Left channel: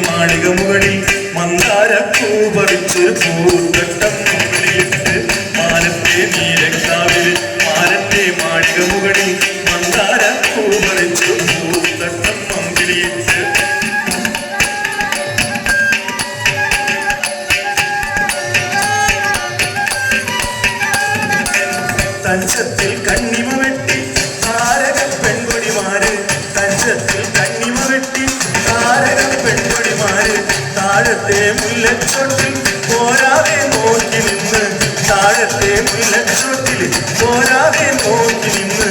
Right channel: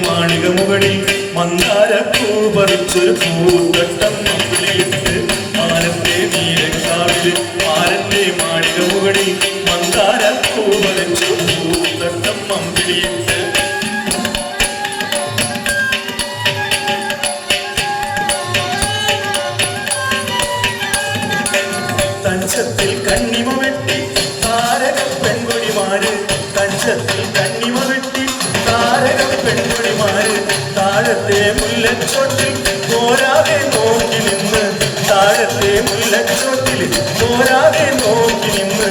മാളിക മുകളിൽ മന്ദാരപ്പൂ പറിച്ചൊരു പൂന്തട്ടം മുകളിലിട്ട് മാനത്തെ നീരക്കാവിൽ മാരന്റെ മാളിക മുകളിൽ മന്ദാരപ്പൂ പറിച്ചൊരു പൂന്തട്ടം മമ്പിളിയിട്ട് തഞ്ചത്തിൽ കണ്ണിമ വെട്ടി താരക പെൺകൊടിമാര് തഞ്ചത്തിൽ കണ്ണിമ താഴത്തെ മുല്ലച്ചോട്ടിൽ പോരാതെ നോക്കി നിന്ന് താഴത്തെ മുല്ലച്ചോട്ടിൽ പോരാതെ നോക്കി നിന്ന്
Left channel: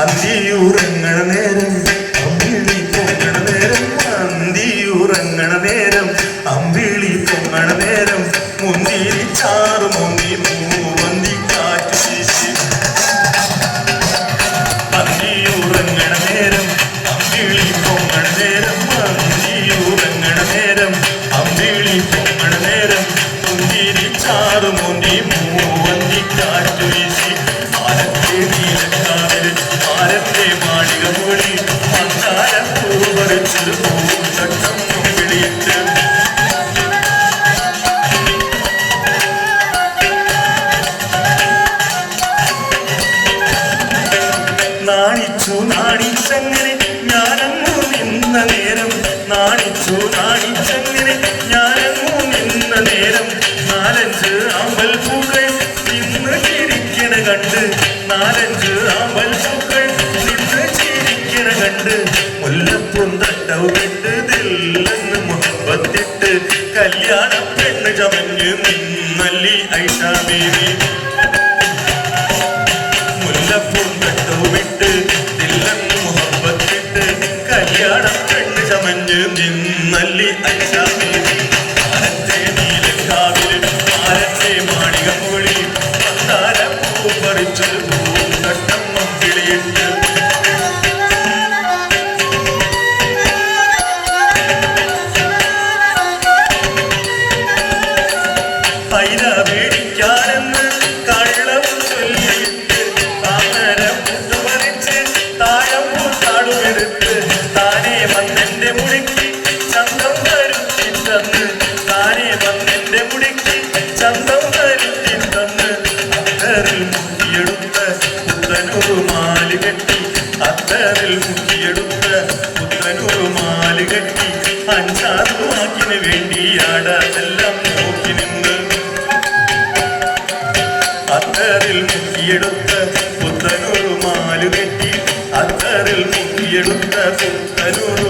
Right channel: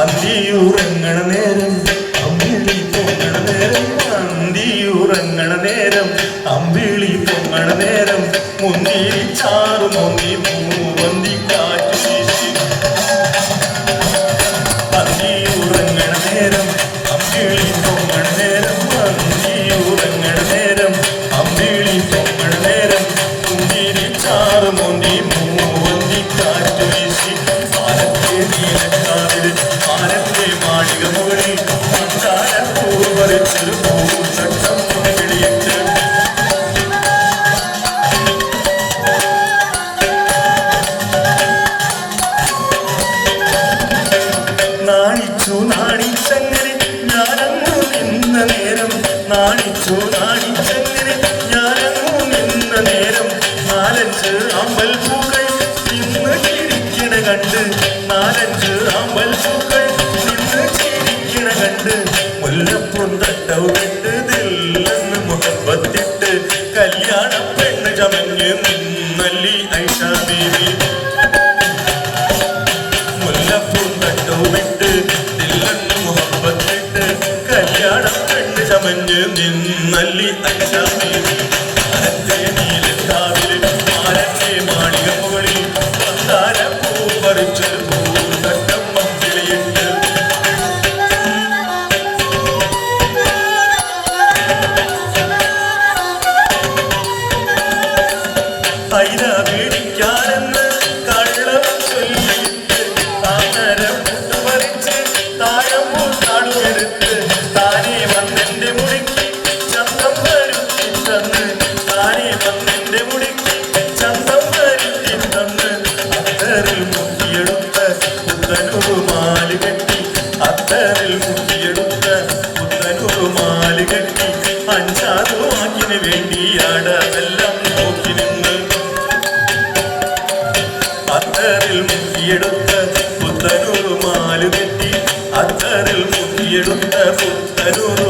അന്തിയുറങ്ങണ നേരം അമ്പിളി പൊങ്ങണ നേരം അന്തിയുറങ്ങണ നേരം അമ്പിളി പൊങ്ങണ നേരം മുന്തിരി ചാറ് മുന്തി ആരത്തെ മാളിക മുകളിൽ മന്ദാരപ്പൂ പറിച്ചൊരു പൂച്ചട്ടം വിളിയിട്ട് നാണിച്ചു നാണിച്ചങ്ങനെ ഞാനങ്ങു നിന്ന നേരം. നാണിച്ചു നാണിച്ചങ്ങനെ ഞാനങ്ങു നിന്ന നേരം. നാലഞ്ച് അമ്പൽ പൂക്കൾ ഇന്ന് തിരിക്കണ കണ്ട് നാലഞ്ച് കെട്ട് ദില്ലെന്ന് മുഹബത്തിട്ട് കല്യാണ പെണ്ണ് ചമഞ്ഞ് നിന്നല്ലി ഐഷാ ബേബി മുല്ലപ്പൂന്തട്ടു വിട്ട് ദില്ലെന്ന് മുഹബത്തിട്ട് കല്യാണ പെണ്ണ് ചമഞ്ഞ് നിന്നല്ലി അച്ഛാമേരി ആരത്തെ അത്തറിൽ പുത്രനൊരു മാലി കെട്ടി അഞ്ചാറ് വാക്കിന് വേണ്ടിയാട് അതെല്ലാം നോക്കി നിന്ന് അത്തറിൽ മുക്കിയെടുത്ത പുത്രനൊരു മാലു കെട്ടി അത്തറിൽ മുക്കിയെടുത്ത പുത്തനൂറ്